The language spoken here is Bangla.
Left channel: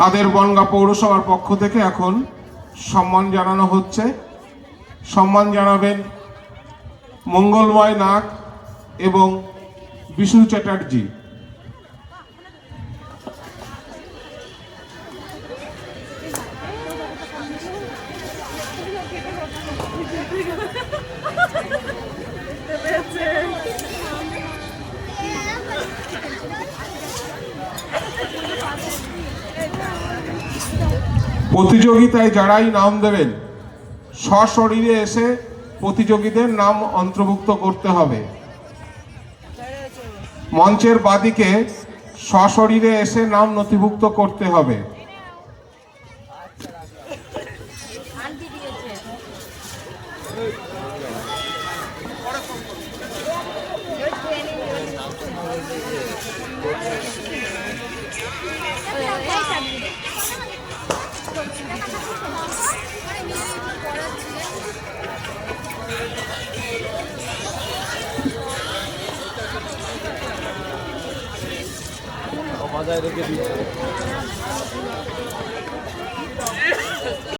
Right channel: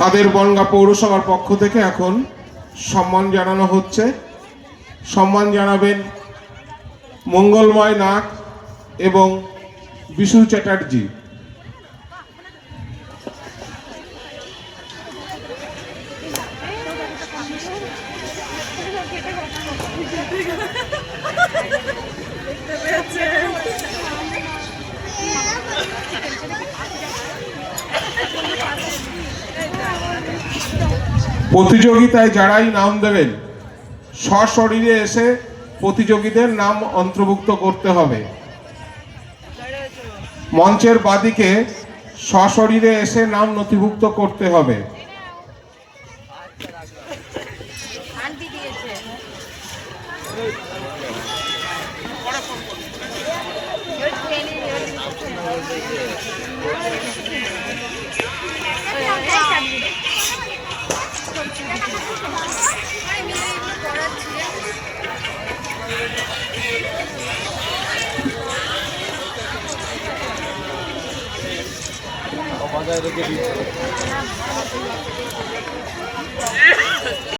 তাদের বনগাঁ পৌরসভার পক্ষ থেকে এখন সম্মান জানানো হচ্ছে। সম্মান জানাবেন মঙ্গলময় নাগ এবং বিশু চ্যাটার্জি। প্রতিযোগিতায় যারাই নাম দেবেন সশরীরে এসে প্রতিযোগীদের নাম অন্তর্ভুক্ত করতে হবে। মঞ্চের বাদিকে সশরীরে এসে নাম নথিভুক্ত করতে হবে। বাজায় রেখে দিয়েছে।